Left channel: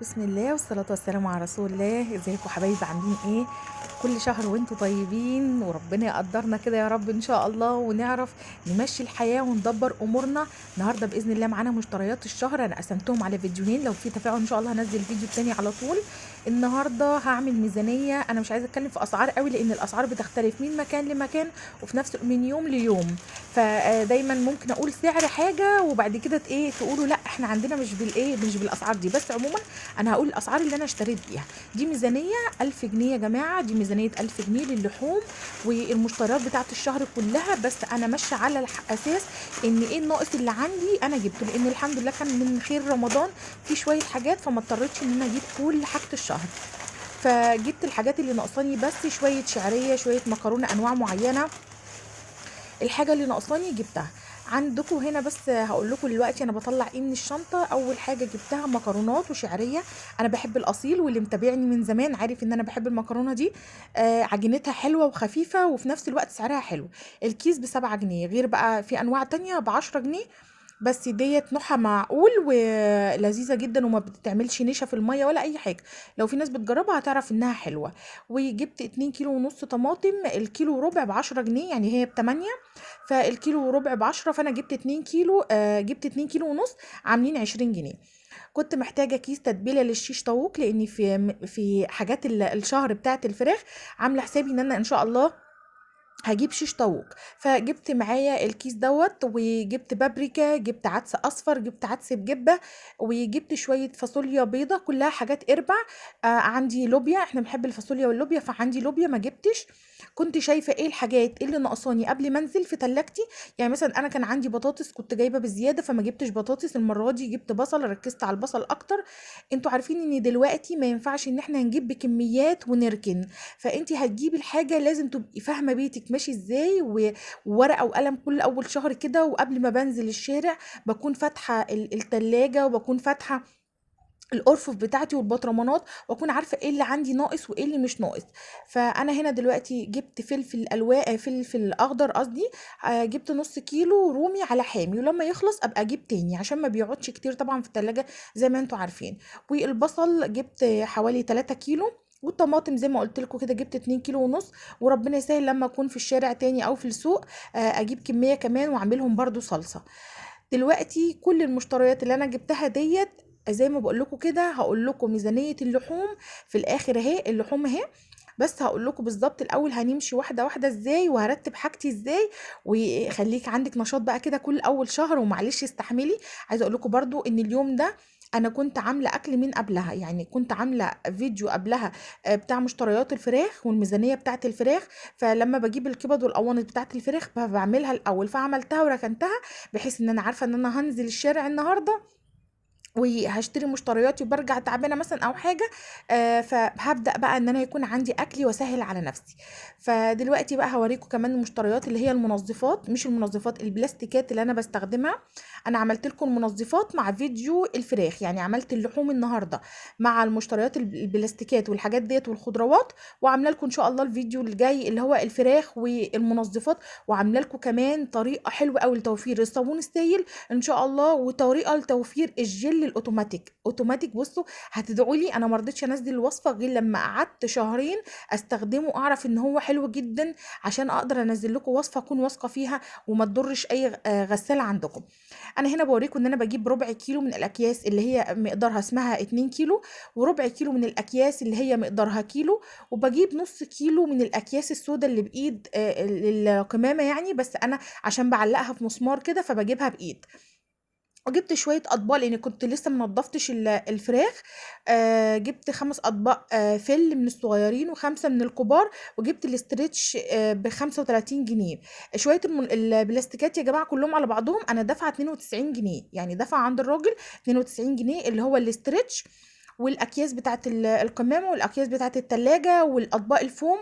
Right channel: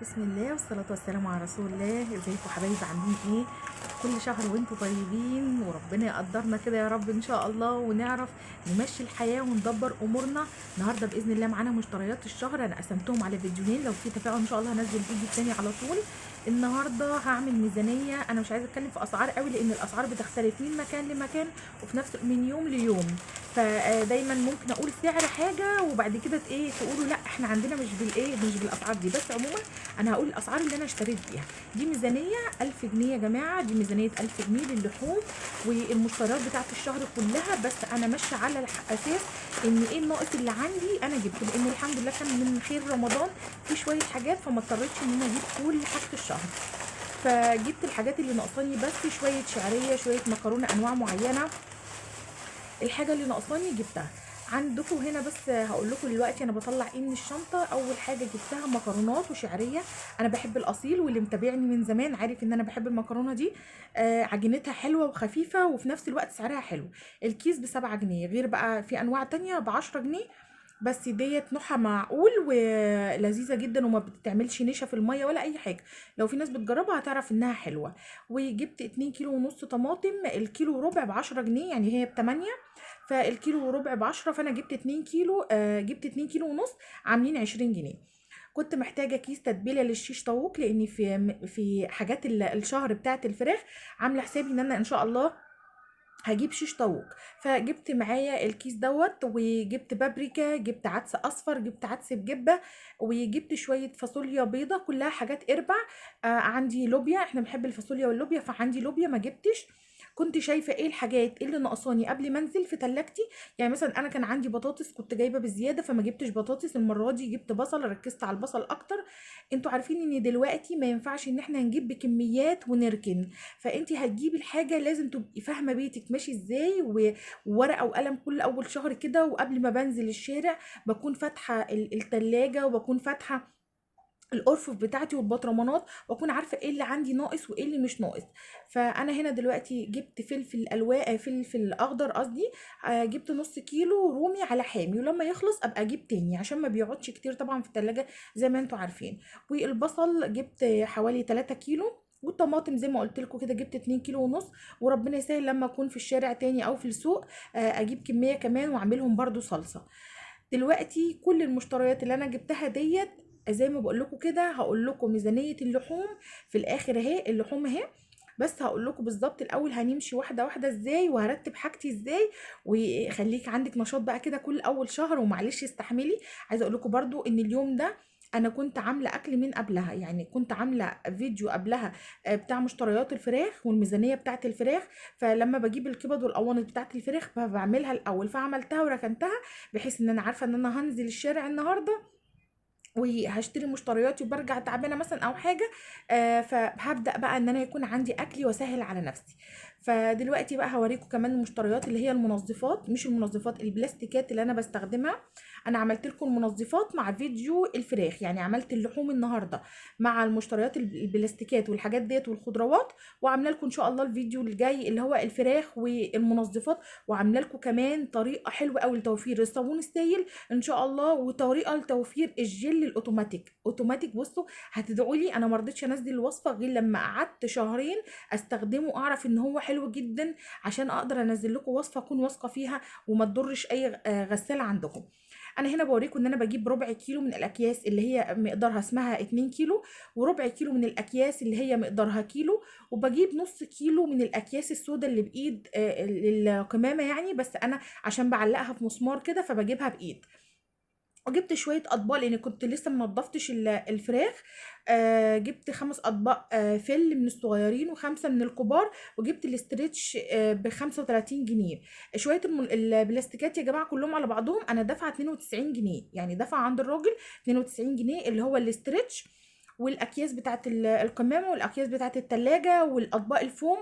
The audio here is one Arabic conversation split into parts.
بسم الله والصلاة والسلام على رسول الله. ازيكم حبايبي؟ عاملين ايه؟ كل شهر وانتم طيبين وربنا يقدرنا كده يا رب ان شاء الله، ونعرف نمشي الحياة وندبر امورنا. النهارده باذن الله معانا مشتريات الشهر، انا قسمتهم على فيديوهين، لو في تفاعل ان شاء الله هنزل فيديو تاني على طول. النهارده هعمل ميزانية، انا مش عايزه اتكلم في اسعار قوي لان الاسعار بتختلف من مكان لمكان وفي نفس من يوم ليوم. فدايما ممكن اقول سعر حاجه وبعد كده ايه تقولوا لا احنا عندنا مش بالاسعار دي، بس عموما انا هقول الاسعار اللي انا اشتريت بيها. دي ميزانيه 1000 جنيه يا جماعه، دي ميزانيه 1000 جنيه للحوم والمشتريات بتاعت الشهر كلها. بس انا ماشيه على اساس ان ايه الناقص اللي عندي انا جبته، لان الحمد لله كان من خير رمضان في شويه حاجات فما اضطريتش ان انا اجيب كل حاجه الشهر. فجبت الحاجات اللي ناقصاني بس، شويه شعريه، شويه مكرونه انواع معينه، الحاجه اللي ناقصاني جبتها عندكم هنا. بس هقول لكم دلوقتي انا بطلع ايه من الشنطه. اول حاجه جبتها مكرونات وشعريه، انا بحب الاصيل واللي متابعني من زمان عارف ان انا بحب المكرونه دي. عجينتها حلوه وخفيفه وفي نفس الوقت سعرها حلو. الكيس ب7 جنيه، غير بقى في انواع تانية ب10 جنيه. بس ديت نوعها معقول ولذيذه جدا وما بتعملش نشا في الميه ولا اي حاجه. لو في ناس بتجربها هتعرف انها حلوه. وجبت 2 كيلو ونص طماطم، الكيلو وربع ب10 جنيه، يعني هي ب8. فالكيلو وربع ب10، فانا جبت 2 كيلو، جبت 2 كيلو ونص عاملين 20 جنيه. كنت محتاجه كيس تتبيله للشيش طاووق، لاني في حاجات الشهر بتاعه الفراخ عامله حسابي ان انا ان شاء الله هجيب شيش طاووق. فجبت معايا الكيس دوت، وجبت بابريكا، جبت عدس اصفر، جبت عدس بجبه، وجبت شويه فاصوليا بيضه، كلها حاجات اربع. عندي لوبيا، احنا بنحب الفاصوليا واللوبيا فعندي لوبيا ما جبتش. كنت شايفه ايه الحاجات اللي ناقصاني قبل ما انزل في تلاجتي. يعني مثلا انا كان عندي بطاطس كنت جايبه بزياده فما جبتش بطاطس، المره دي جبت بصل، ركزت على البصل اكتر. انتوا عارفين ان دلوقتي ما ينفعش ان احنا نجيب بكميات ونركن. فانت هتجيبي الحاجه لازم تبقي فاهمه بيتك ماشي ازاي، وورقه وقلم كل اول شهر كده، وقبل ما بنزل الشارع بكون فاتحه التلاجة وبكون فاتحه الارفف بتاعتي والبطرمانات، واكون عارفه ايه اللي عندي ناقص وايه اللي مش ناقص. فانا هنا دلوقتي جبت فلفل الوان، فلفل اخضر قصدي. جبت نص كيلو رومي على حامي، ولما يخلص ابقى اجيب تاني عشان ما بيقعدش كتير طبعا في التلاجة زي ما انتوا عارفين. والبصل جبت حوالي 3 كيلو. والطماطم زي ما قلت لكم كده جبت 2 كيلو ونص. وربنا يسهل لما اكون في الشارع تاني او في السوق اجيب كميه كمان واعملهم برضو صلصه. دلوقتي كل المشتريات اللي انا جبتها ديت زي ما بقول لكم كده، هقول لكم ميزانية اللحوم في الاخر اهي، اللحوم اهي. بس هقول لكم بالظبط الاول هنمشي واحده واحده ازاي وهرتب حاجتي ازاي. وخليك عندك نشاط بقى كده كل اول شهر ومعلش استحملي. عايزه اقول لكم برضو ان اليوم ده انا كنت عامله اكل من قبلها، يعني كنت عامله فيديو قبلها بتاع مشتريات الفراخ والميزانيه بتاعه الفراخ. فلما بجيب الكبد والقوانص بتاعه الفراخ بعملها الاول، فعملتها وركنتها بحيث ان انا عارفه ان انا هنزل الشارع النهارده وهشتري مشترياتي وبرجع تعبانه مثلا او حاجه. فهبدا بقى ان انا يكون عندي اكلي واسهل على نفسي. فدلوقتي بقى هوريكم كمان المشتريات اللي هي المنظفات، مش المنظفات البلاستيكات اللي انا بستخدمها. انا عملت لكم المنظفات مع فيديو الفراخ، يعني عملت اللحوم النهارده مع المشتريات البلاستيكات والحاجات ديت والخضروات، وعامله لكم ان شاء الله الفيديو الجاي اللي هو الفراخ والمنظفات. وعامله لكم كمان طريقه حلوه قوي لتوفير الصابون السائل ان شاء الله، وطريقه لتوفير الجل الاوتوماتيك اوتوماتيك. بصوا هتدعوا لي، انا ما رضيتش انزل الوصفه غير لما قعدت شهرين استخدمه اعرف ان هو حلو جدا، عشان اقدر انزل لكم وصفه اكون واثقه فيها وما تضرش اي غساله عندكم. انا هنا بوريكم ان انا بجيب ربع كيلو من الاكياس اللي هي مقدارها اسمها 2 كيلو، وربع كيلو من الاكياس اللي هي مقدارها كيلو، وبجيب نص كيلو من الاكياس السوداء اللي بايد القمامه يعني، بس انا عشان بعلقها في مسمار كده فبجيبها بايد. وجبت شويه اطباق لان كنت لسه منضفتش الفراخ. جبت 5 اطباق فل من الصغيرين و5 من الكبار. وجبت الاسترتش ب35 جنيه. شويه البلاستيكات يا جماعه كلهم على بعضهم انا دافعه 92 جنيه، يعني دافعه عند الراجل 92 جنيه اللي هو الاسترتش. والاكياس بتاعت القمامه والاكياس بتاعت التلاجة والاطباق الفوم،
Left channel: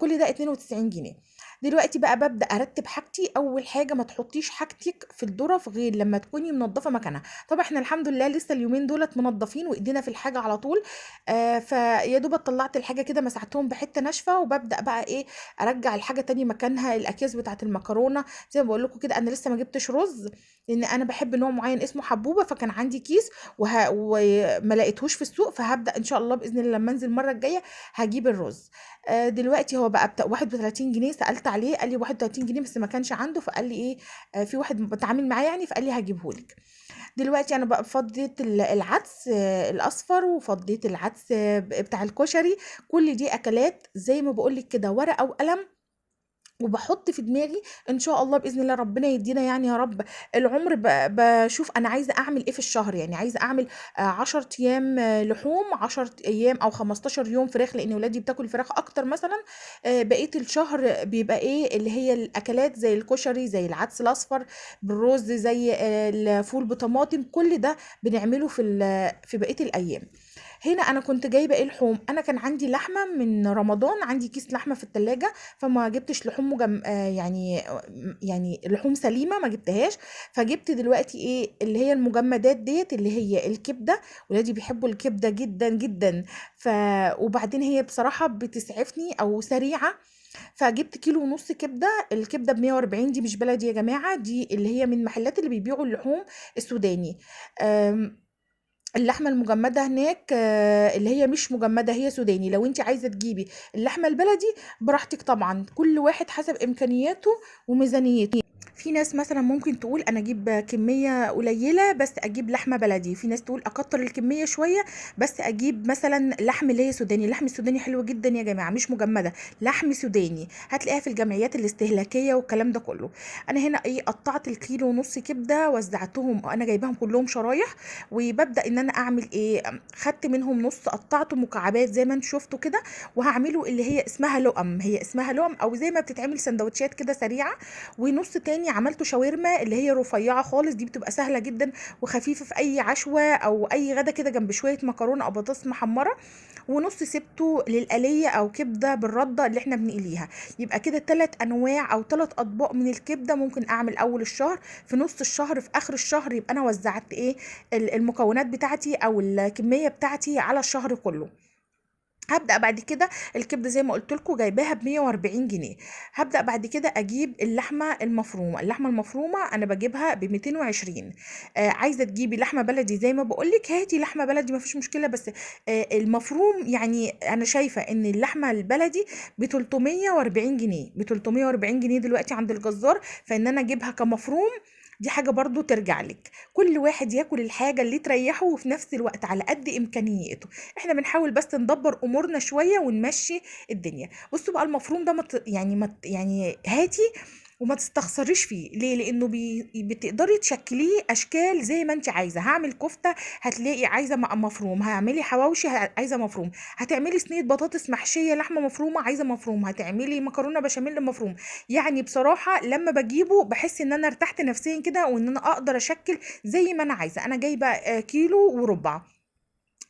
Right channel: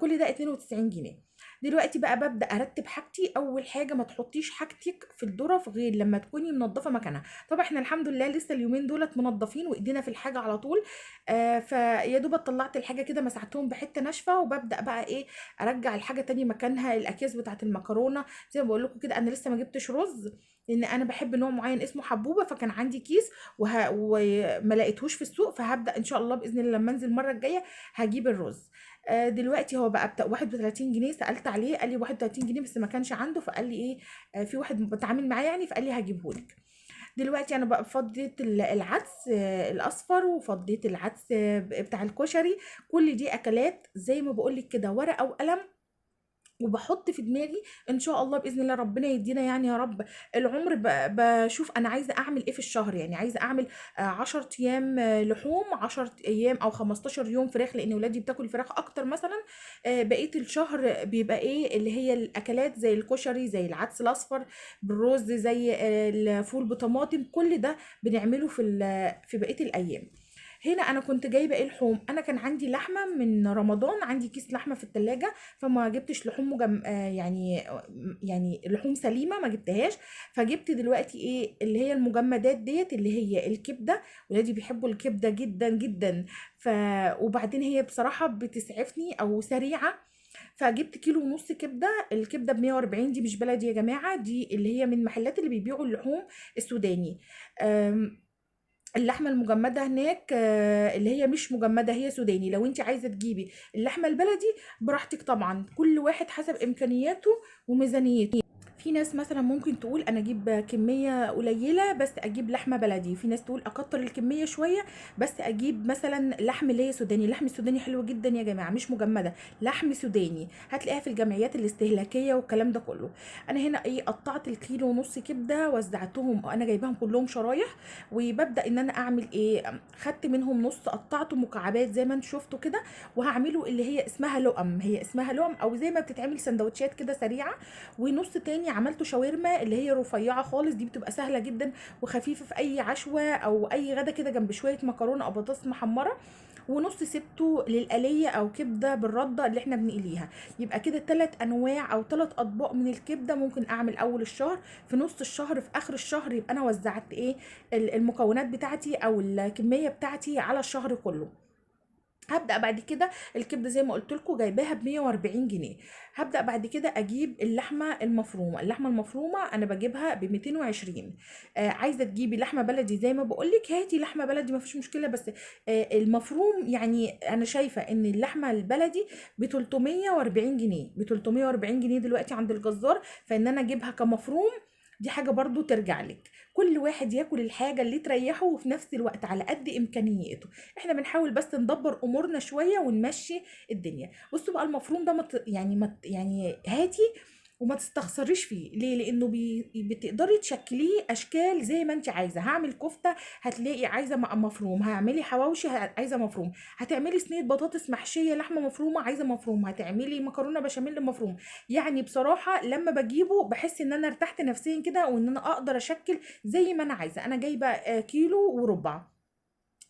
كل ده 92 جنيه. دلوقتي بقى ببدأ أرتب حاجتي. أول حاجة ما تحطيش حاجتك في الظرف غير لما تكوني منضفة مكانها. طبعا احنا الحمد لله لسه اليومين دولت منضفين وايدينا في الحاجة على طول. فيا دوب طلعت الحاجة كده مسحتهم بحتة ناشفة، وببدأ بقى ايه، ارجع الحاجة تاني مكانها. الاكياس بتاعت المكرونة زي ما بقول لكم كده، انا لسه ما جبتش رز لان انا بحب نوع معين اسمه حبوبة، فكان عندي كيس وما لقيتهوش في السوق، فهبدأ ان شاء الله بإذن الله لما انزل المرة الجاية هجيب الرز. دلوقتي هو بقى بتاع 31 جنيه. سألت عليه قال لي 31 جنيه، بس ما كانش عنده، فقال لي ايه، في واحد بتعامل معاه يعني، فقال لي هجيبهولك. دلوقتي انا بقى فضيت العدس الاصفر، وفضيت العدس بتاع الكشري. كل دي اكلات زي ما بقولك كده ورقة وقلم، وبحط في دماغي ان شاء الله باذن الله ربنا يدينا يعني يا رب العمر. بشوف انا عايزه اعمل ايه في الشهر، يعني عايزه اعمل 10 ايام لحوم، 10 ايام او 15 يوم فراخ، لان ولادي بتاكل فراخ اكتر مثلا. بقيه الشهر بيبقى ايه اللي هي الاكلات زي الكشري، زي العدس الاصفر بالرز، زي الفول بطماطم. كل ده بنعمله في بقيه الايام. هنا انا كنت جايبه ايه لحوم. انا كان عندي لحمه من رمضان، عندي كيس لحمه في التلاجة، فما جبتش لحوم يعني لحوم سليمه ما جبتهاش. فجبت دلوقتي ايه اللي هي المجمدات ديت، اللي هي الكبده. ولادي بيحبوا الكبده جدا جدا. ف وبعدين هي بصراحه بتسعفني او سريعه. فجبت كيلو ونص كبده. الكبده ب 140، دي مش بلدي يا جماعه، دي اللي هي من المحلات اللي بيبيعوا اللحوم السوداني. اللحمة المجمدة هناك اللي هي مش مجمدة، هي سوداني. لو انت عايزة تجيبي اللحمة البلدي براحتك طبعا، كل واحد حسب امكانياته وميزانيته. في ناس مثلا ممكن تقول انا اجيب كمية قليلة بس اجيب لحمة بلدي، في ناس تقول اكتر الكمية شوية بس اجيب مثلا لحم اللي هي سوداني. اللحم السوداني حلو جدا يا جماعة، مش مجمدة، لحم سوداني هتلاقيها في الجمعيات الاستهلاكية والكلام ده كله. انا هنا ايه، قطعت الكيلو ونص كبدة وزعتهم، انا جايباهم كلهم شرايح. وببدأ ان انا اعمل ايه، خدت منهم نص قطعته مكعبات زي ما انتوا شفتوا كده، وهعمله اللي هي اسمها لقم. هي اسمها لقم او زي ما بتتعمل سندوتشات كده سريعة. ونص تاني عملته شاورما اللي هي رفيعة خالص، دي بتبقى سهلة جدا وخفيفة في اي عشوة او اي غدا كده جنب شوية مكرونة او بطاطس محمرة. ونص سبته للقلية او كبدة بالردة اللي احنا بنقليها. يبقى كده 3 انواع او 3 اطباق من الكبدة ممكن اعمل اول الشهر، في نص الشهر، في اخر الشهر يبقى انا وزعت ايه المكونات بتاعتي او الكميه بتاعتي على الشهر كله. هبدأ بعد كده الكبدة زي ما قلت لكم جايباها ب 140 جنيه. هبدأ بعد كده أجيب اللحمة المفرومة. اللحمة المفرومة أنا بجيبها ب 220. عايزة تجيبي لحمة بلدي زي ما بقول لك هاتي لحمة بلدي مفيش مشكلة، بس المفروم يعني أنا شايفة إن اللحمة البلدي ب 340 جنيه، ب 340 جنيه دلوقتي عند الجزار. فإن أنا أجيبها كمفروم دي حاجة برضو ترجع لك. كل واحد ياكل الحاجة اللي تريحه وفي نفس الوقت على قد إمكانياته. احنا بنحاول بس ندبر امورنا شويه ونمشي الدنيا. بصوا بقى المفروم ده يعني هاتي وما تستخسريش فيه ليه، لانه بتقدري تشكليه اشكال زي ما انت عايزه. هعمل كفته هتلاقي عايزه مفروم، هعملي حواوشي عايزه مفروم، هتعملي صينيه بطاطس محشيه لحمه مفرومه عايزه مفروم، هتعملي مكرونه بشاميل مفروم. يعني بصراحه لما بجيبه بحس ان انا ارتحت نفسيا كده، وان انا اقدر اشكل زي ما انا عايزه. انا جايبه كيلو وربع.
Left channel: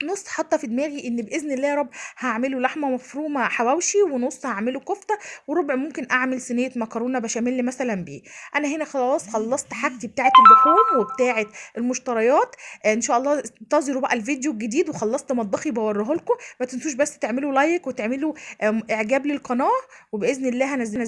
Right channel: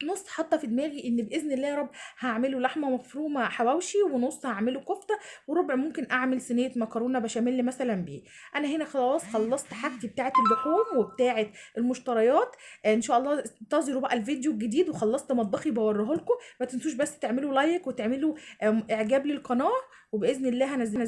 نص حاطه في دماغي ان باذن الله يا رب هعمله لحمه مفرومه حواوشي، ونص هعمله كفته، وربع ممكن اعمل صينيه مكرونه بشاميل مثلا بيه. انا هنا خلاص خلصت حاجتي بتاعه اللحوم وبتاعه المشتريات. ان شاء الله انتظروا بقى الفيديو الجديد، وخلصت مطبخي بوريه لكم. ما تنسوش بس تعملوا لايك وتعملوا اعجاب للقناه، وباذن الله هنزل